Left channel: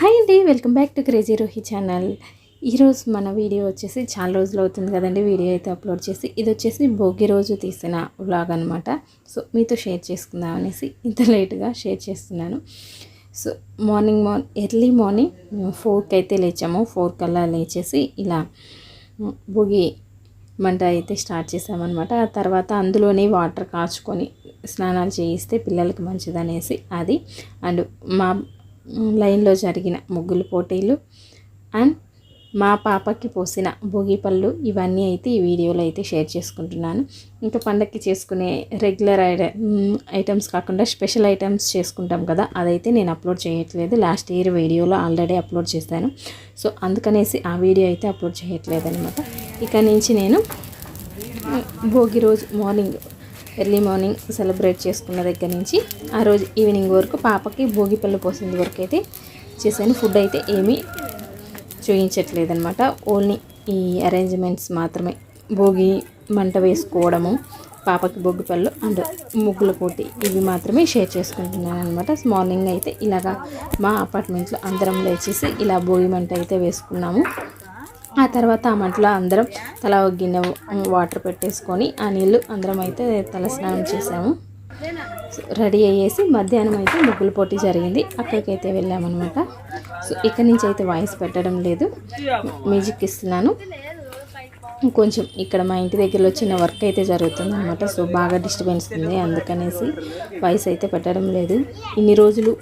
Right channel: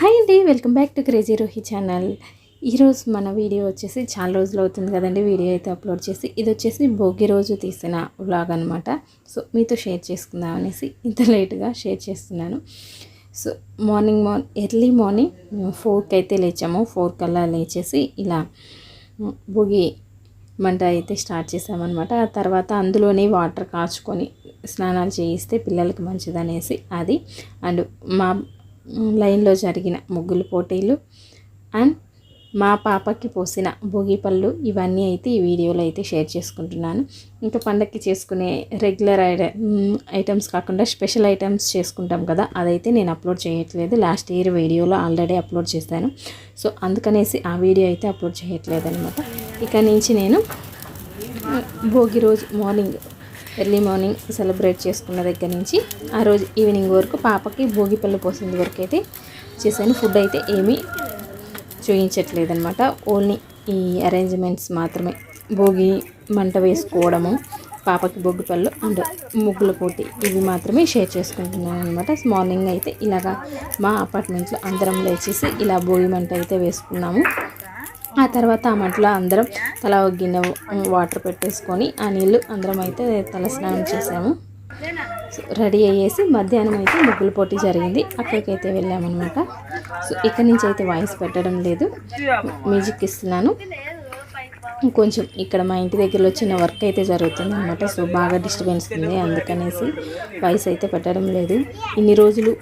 Hi అండి, welcome back to crazy Rohi channel. ఈరోజు మన వీడియో వచ్చేసి చాలా రోజులు అవుతుంది కదండి వీడియో అయితే అప్లోడ్ చేసి. ఇది వచ్చేసి భోగి రోజు తీసిన వ్లాగ్ అనమాట. సో మీతో షేర్ చేసుకుందాం అనేసి ఇంత లేట్గా షేర్ చేస్తున్నాను. సో ఎర్లీ మార్నింగ్ 4కి అయితే లేచాము. 4 కల్లా లేచేసి ఇలా భోగి మంట అయితే స్టార్ట్ చేసామన్నమాట. ఆ తర్వాత అందులోనే వాటర్ కాచుకొని స్నానాలు చేయిస్తే పిల్లలకి మంచిదనేసి అది. అండ్ మా లైన్లో జరిగిన ముగ్గులు పోటీలు అండ్ మా పాపకి పోసిన భోగి పళ్ళు ఇవన్నీ అయితే ఈ వీడియోలో అయితే షేర్ చేసుకుంటున్నాను. ఇంకా పండగకి చేసుకునే రెగ్యులర్ ఐటమ్స్ కాకుండా స్పెషల్ ఐటమ్స్ చేసుకుంటాం కదా, అదైతే నేను అప్లోడ్ చేయట్లేదు. లాస్ట్ ఇయర్ వీడియోలో ఆల్రెడీ అప్లోడ్ చేశాను. సో అందుకనేసి ఆ వీడియో అయితే అప్లోడ్ చేయట్లేదు అనమాట. ఇక నుంచి నేను భోగి రోజు ఎర్లీ మార్నింగ్ సెలబ్రేట్ చేసుకున్న దగ్గర నుంచి ఆ రోజు ఈవినింగ్ వరకు పాపకి భోగిపళ్ళు పోసిన వరకు అయితే చేశాను. ఫుడ్ అయితే ఏమీ చూపించట్లేదనమాట. ఓన్లీ ఈ అరేంజ్మెంట్స్ మాత్రమే. భోగి మంట వేసుకోవడము, పాపకి భోగిపళ్ళు అండ్ ముగ్గుల పోటీ ఇవి మాత్రమే షేర్ చేసుకుంటున్నాను అనమాట. మార్నింగ్ అయితే ఇలాగా మా అపార్ట్మెంట్లో అందరం లేచేసి ఇలా భోగి మంట అయితే వేసుకున్నాము. ఆ తర్వాత ఆ మంటలో అందరం తల ఒక గిన్నె వాటర్ పెట్టేసుకొని ఆ నీళ్ళు అందరం అయితే తల స్నానం చేసాము. రెడీ అయ్యేసి మధ్యాహ్నం అయితే ముగ్గుల పోటీ జరిగింది, అక్కడికైతే వెళ్ళామన్నమాట. సో ఇక్కడి నుంచి అయితే వాయిస్ పెట్టడం లేదు, మ్యూజిక్ ఇస్తున్నాను. కొంచెం ఇక్కడ మా ఇంటి దగ్గరలో చిన్న వర్క్ అయితే జరుగుతుంది అనమాట. సో బాగా డిస్టర్బెన్స్ ఉంది, అందుకనేసి వాయిస్ అయితే పెట్టడం లేదు. ఇన్ని రోజులు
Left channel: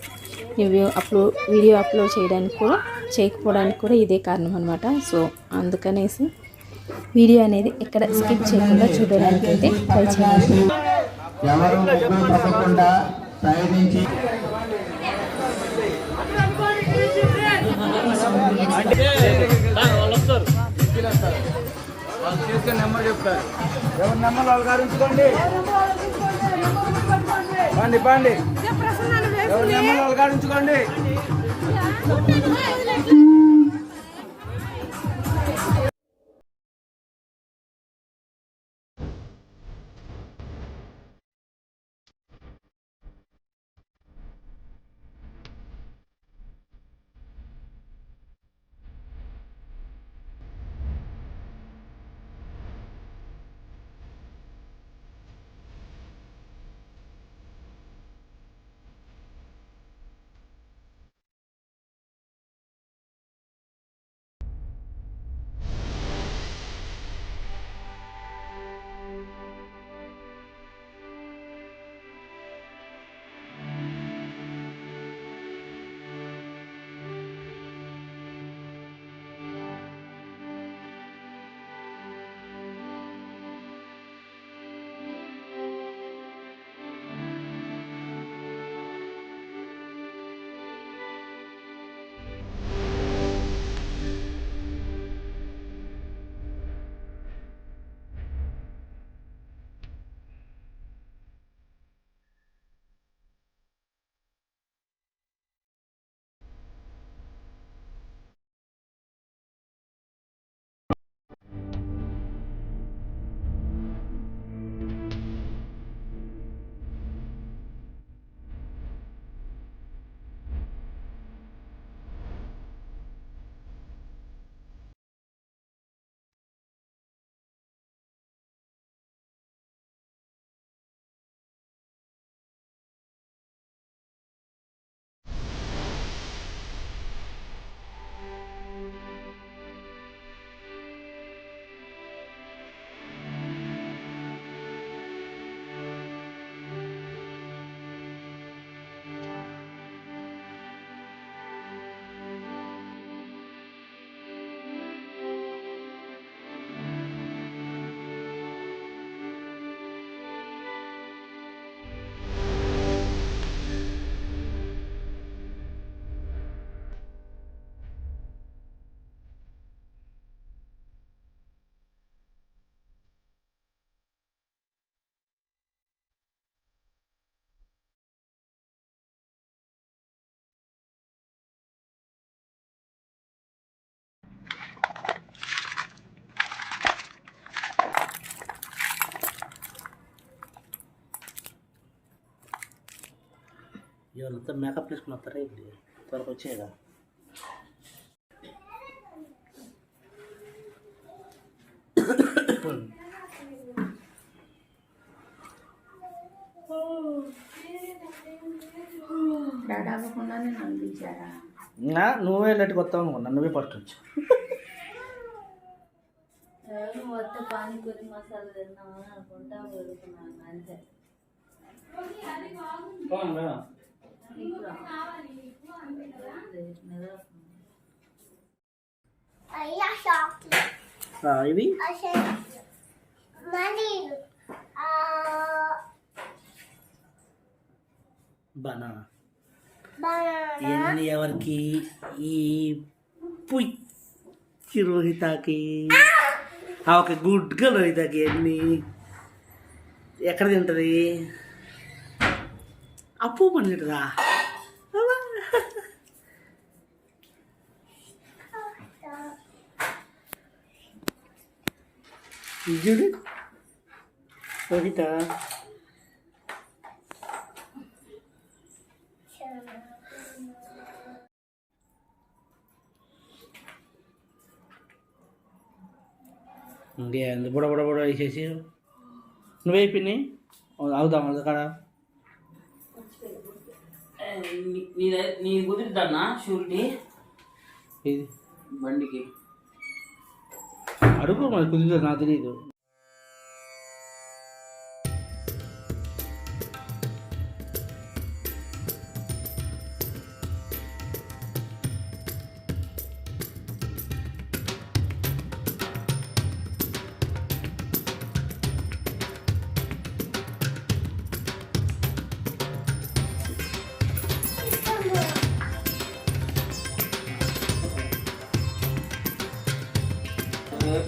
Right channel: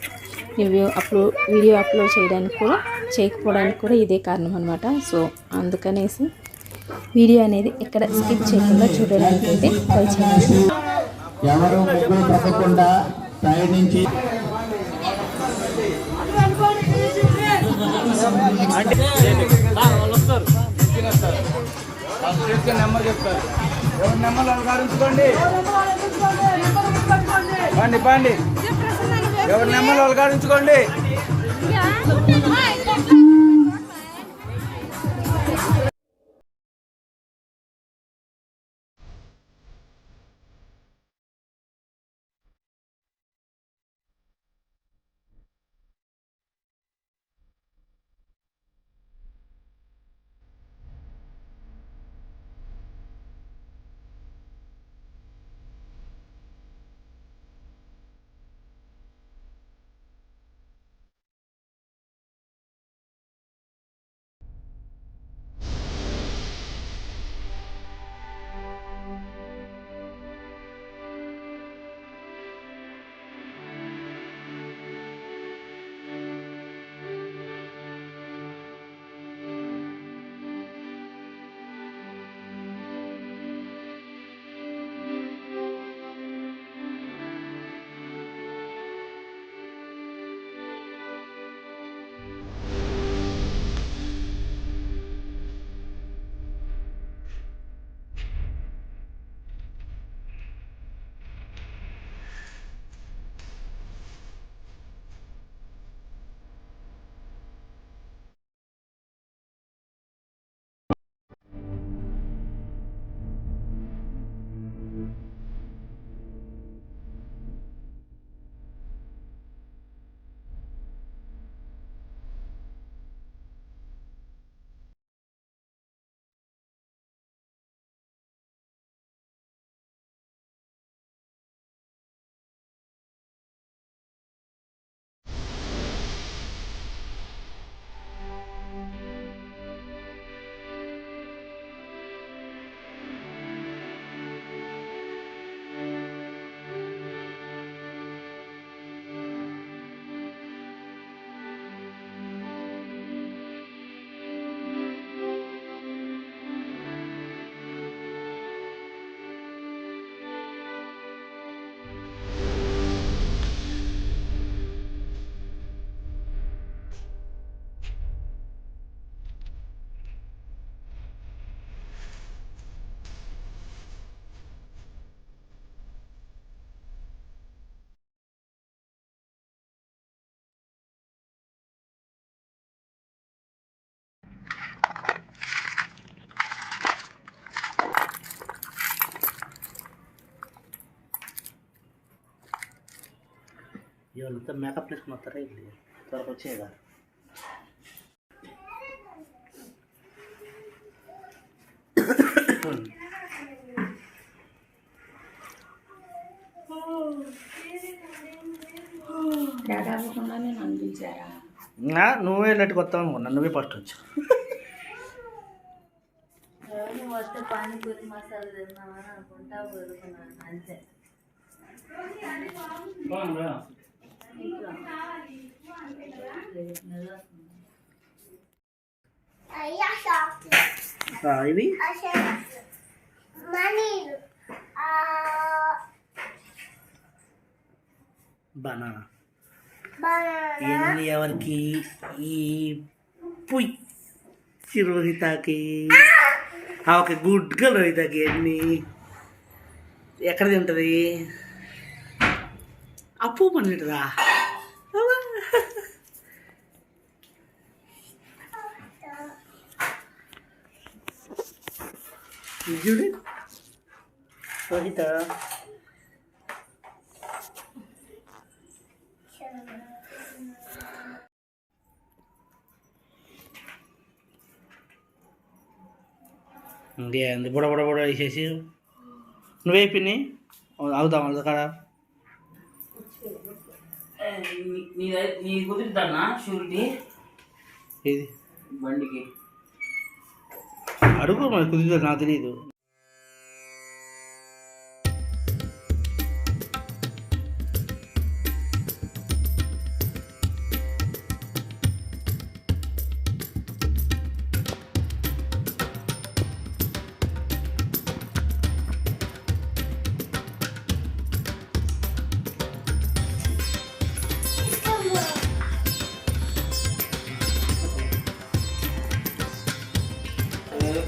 వీడియో అప్లోడ్ చేయకపోవడానికి కూడా ఇదే కారణం అనమాట. సో అందుకనేసి వీడియో అనేది ఎక్కడ స్కిప్ చేయకుండా చూడడానికి అయితే ట్రై చేయండి. నెంబర్ చెప్తారు, నెంబర్ అలగాడించుకోండి. పండి పండి, ఎవరి నెంబర్ అలగాడించుకోండి. ಇವನಂತ ಮೇಕಪ್ ಲಿಸ್ಟ್ ಮಾಡ್ತಾರೆ ಇಲ್ಲಿ ತ್ವರಗೆ వచ్చేదా నువ్వే వెళ్ళట్టు కొత్త అనుకున్నా, నువ్వే ఫస్ట్ వచ్చు. పానీపూరి మసాలా తిన్నామని అనుకుంటా ఊరుకున్నాను అంతే. ఇవి బనానా ఎన్ని ఎవరికి? ఈ పుయ్యి రోహితకి. ఓకే, గుడ్గా రోహితకి. ఎన్ని ఎక్కడ తింటుంది? అప్పు పని తింటుందా? చూడు రోహిత. ఇంకేంది బుడ బుడ బుడ వేసేసి నువ్వే పిన్ని అవుదాం అది కాడ. నీ కుదురుతానా షూరిటీ ఇది బండికి? అడుగు మరి, కుదురుతుంది, నాకు తెలియదు.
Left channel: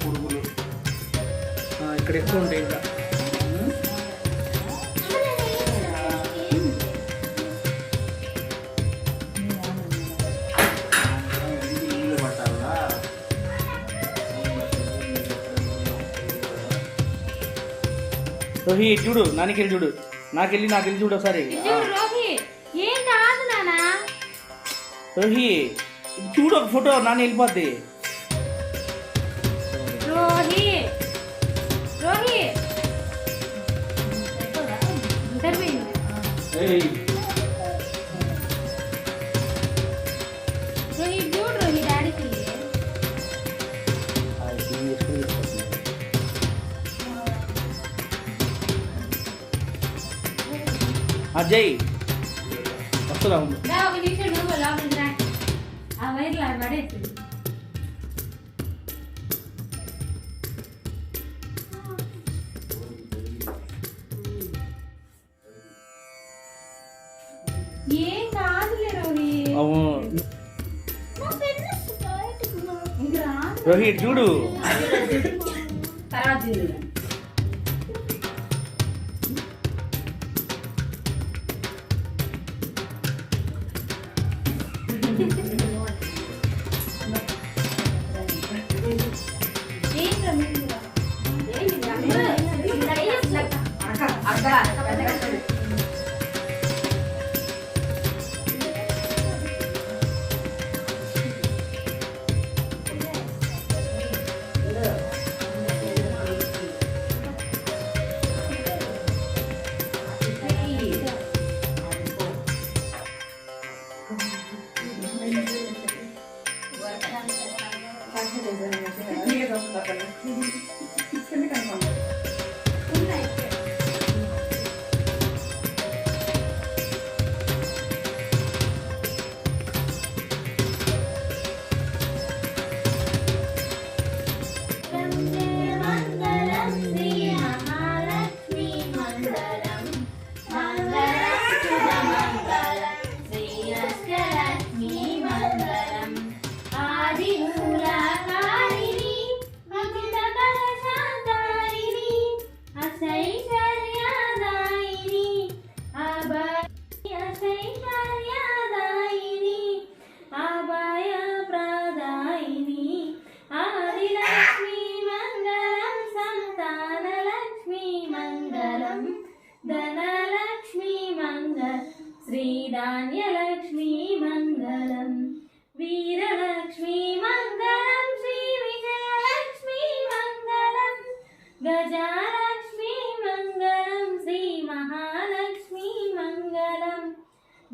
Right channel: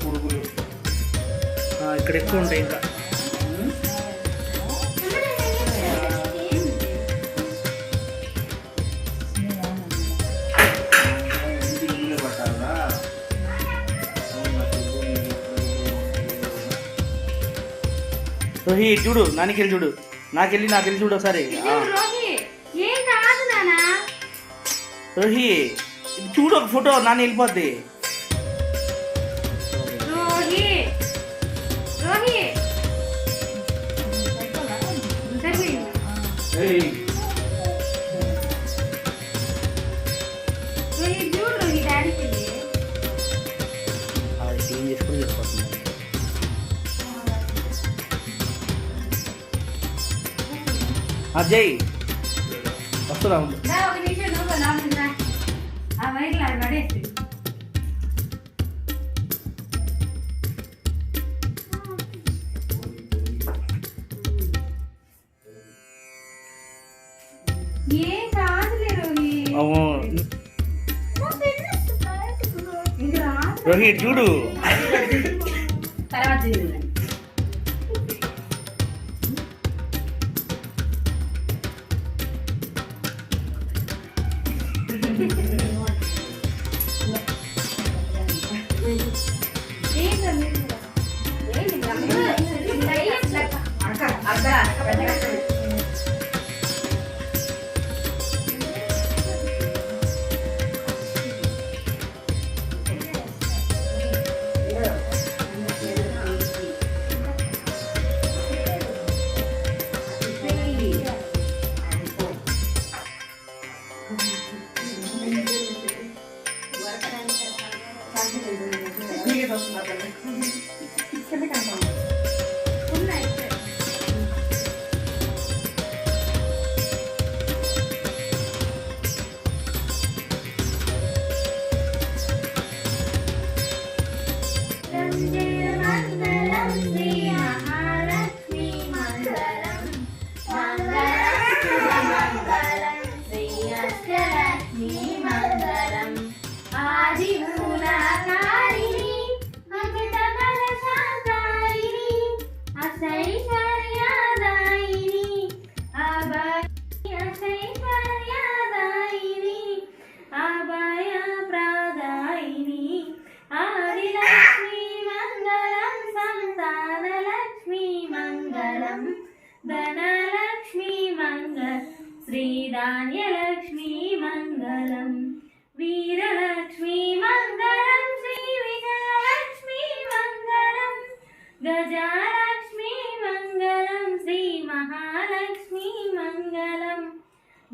పురుగులు ఇక్కడ ఎక్కువ ఉంటాయి ఇంకా. ఇల్లు పట్టాలా? రోహి చూడు, నాకెళ్ళి చూడు, నాకెళ్ళి చూడు ఒకసారి. రోహి చూడు ఒక ఫోటో, నాన్న వెళ్ళిపోద్ది. క్లీన్ చేసుకుని వెళ్ళిపోతుంది. జై వస్తున్నా ఉండు. రోహిత్ చూడు. తర్వాత ధనలక్ష్మీ మంగళం శ్రీధాన్యలక్ష్మీ మంగళం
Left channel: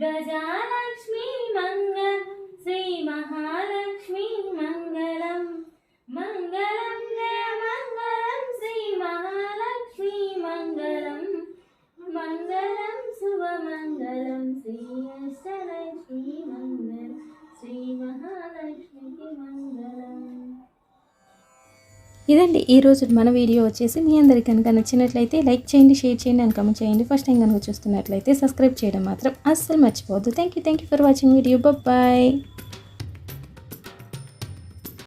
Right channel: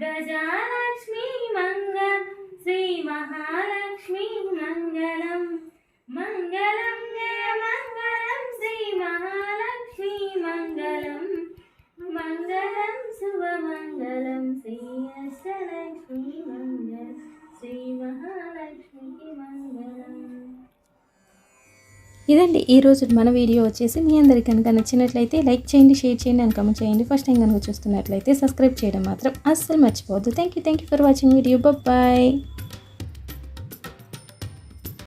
గజాలక్ష్మీ మంగళం శ్రీ మహాలక్ష్మీ మంగళం మంగళం జయ మంగళం శ్రీ మహాలక్ష్మీ మంగళం మంగళం శుభమంగళం శ్రీ అష్టలక్ష్మీ మంగళం శ్రీ మహాలక్ష్మికి మంగళం. ఇదండి ఈరోజు మన వీడియో వచ్చేసి మీ అందరికీ కనుక నచ్చినట్లయితే లైక్ చేయండి, షేర్ చేయండి అండ్ కామెంట్ చేయండి. ఫస్ట్ టైం కనుక చూస్తున్నట్లయితే సబ్స్క్రైబ్ చేయడం మాత్రం అస్సలు మర్చిపోవద్దు. Thank you for watching video. Bye.